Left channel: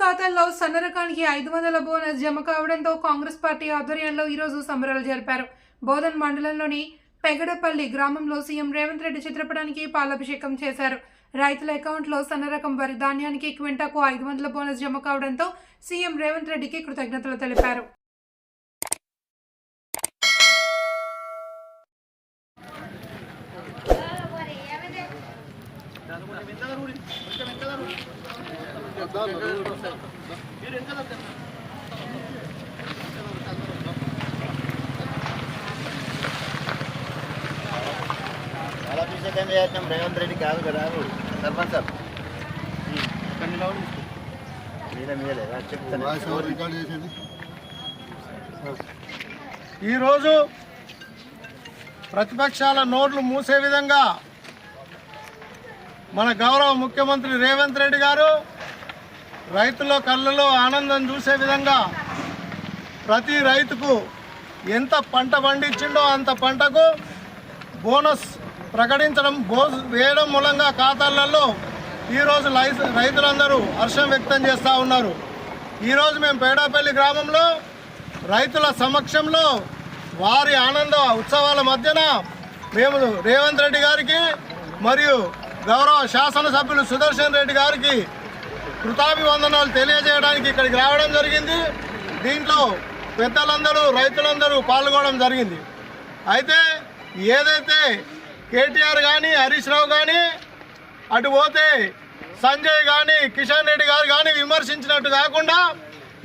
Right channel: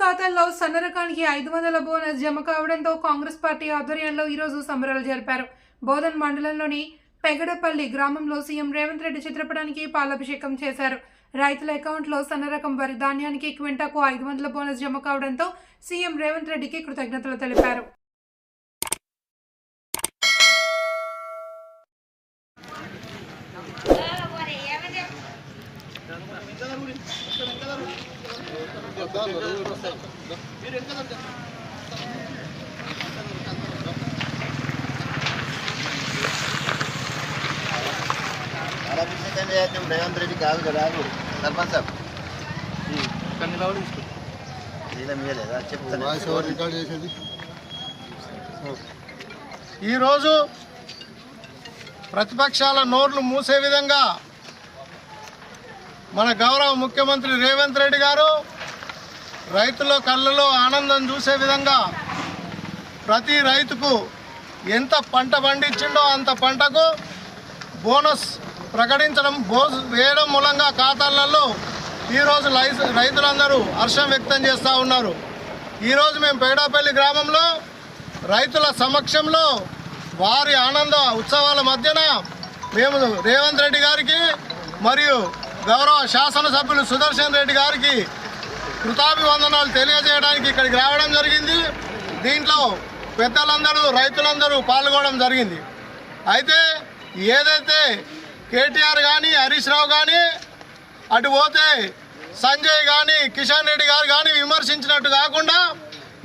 ఖాతాల్లో సన్న రకానికి ఐదు వందల బోనస్ జమ కావడంతో కాంగ్రెస్ పార్టీ ఆధ్వర్యంలో ఈరోజు సంబరాలు జరిపారు. బోధన్ మండలంలోని పెగడపల్లి గ్రామంలో సీఎం రేవంత్ రెడ్డి చిత్రపటానికి పాలాభిషేకం చేశారు. రైతుల అకౌంట్లో సన్న రకం వరి ధాన్యానికి క్వింటాకు ఐదు వందల బోనస్ జమ కావడంతో సీఎం రేవంత్ రెడ్డికి కృతజ్ఞతలు తెలిపారు. అభిషేకం చేద్దాం రేవంత్ రెడ్డి కాదు కదా సర్పంచ్ సార్ ఈరోజు ప్రతిపక్షాల నోర్లు మూసే విధంగా మన గౌరవ ముఖ్యమంత్రి రేవంత్ రెడ్డి గారు రైతుల కళ్ళలో ఆనందం చూసే విధంగా ప్రతి రైతుకు ఎంత పంట పండించిండో అంత పంటకు బోనస్ ప్రకటించడం బోస్ వేయడం మూలంగా ఖాతాలలో ఈరోజు లైస్ రైతులందరూ హర్షం వ్యక్తం చేస్తూ ఉన్నారు. ఈరోజు మేము పేడాపల్లి గ్రామంలో రైతుల సమక్షంలో వారి ఆనంద ఉత్సవాల మధ్యన మేము రేవంత్ రెడ్డి గారికి మరియు గౌరవ శాసనసభ్యులు సుదర్శన్ రెడ్డి గారికి కృతాభివందనాలు తెలియజేయడానికి ఇక్కడికి రావడం జరిగింది. దీంట్లో పెద్దలందరూ రైతులందరూ పాల్గొనడం జరిగింది. అయితే ఏదైతే కేటీఆర్ కానీ హరీష్ రావు కానీ అటు పోతే సంజయ్ కానీ కిషన్ రెడ్డి గారు కానీ విమర్శించినట్టు కాకుండా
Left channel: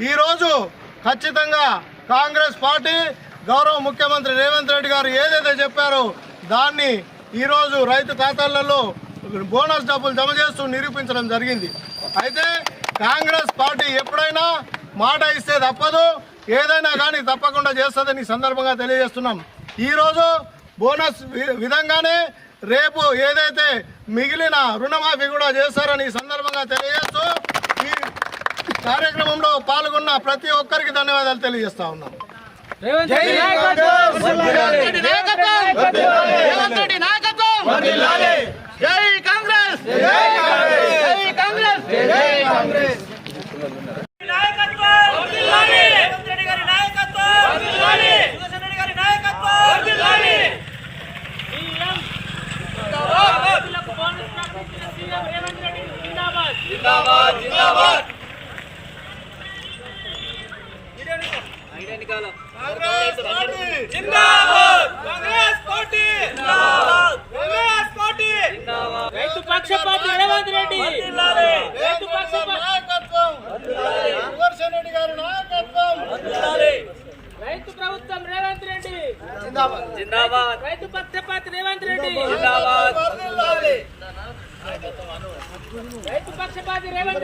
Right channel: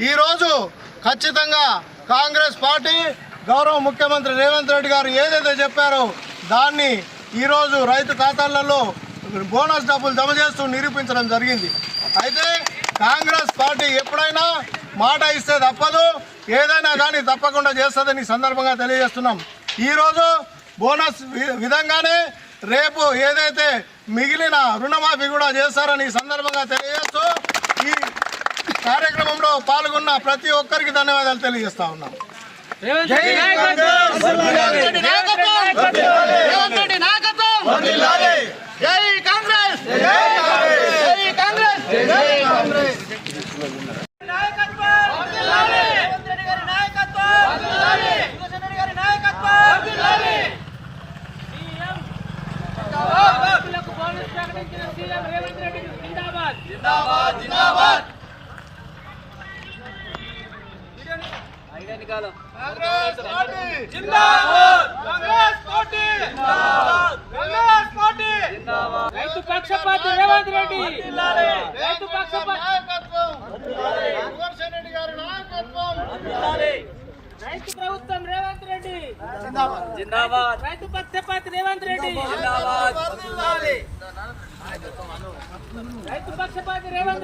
ఈరోజు ఖచ్చితంగా కాంగ్రెస్ పార్టీ గౌరవ ముఖ్యమంత్రి రేవంత్ రెడ్డి గారు ఏదైతే చెప్పారో దాన్ని ఈరోజు రైతు ఖాతాలలో బోనస్ డబ్బులు జమ చేస్తూ నిరూపించడం జరిగింది. అయితే కాంగ్రెస్ పార్టీ ఎప్పుడైనా మాట ఇస్తే తప్పదు ఏదైనా కానీ తప్పకుండా చేస్తుందని సందర్భంగా తెలియజేస్తున్నాం. ఈరోజు బోనస్ విధంగానే రేపు ఏదైతే మిగిలిన రుణమాఫీ కూడా చేస్తారని సందర్భంగా తెలియజేస్తూ ఈ కార్యక్రమంలో పాల్గొన్న ప్రతి ఒక్కరికి ధన్యవాదాలు తెలియజేస్తా ఉన్నాం. జై కాంగ్రెస్ జై కాంగ్రెస్ నాయకత్వం రేవంత్ రెడ్డి గారి నాయకత్వం సుదర్శన్ రెడ్డి గారి నాయకత్వం సీఎం రైతులకు బోనస్ ప్రకటించిన సీఎం రేవంత్ రెడ్డి జిందాబాద్ జిందాబాద్ జిందాబాద్ జిందాబాద్ కాంగ్రెస్ పార్టీ జిందాబాద్ కాంగ్రెస్ పార్టీ జిందాబాద్ రైతు పక్షపాతి రేవంత్ రెడ్డి! రైతు పక్షపాతి నాయకత్వం! గారి రైతు ప్రభుత్వం రేవంత్ రెడ్డి! జిందాబాద్! రైతు పక్షపాతి రేవంత్ రెడ్డి! జిందాబాద్! రైతు పక్షపాతి రేవంత్ రెడ్డి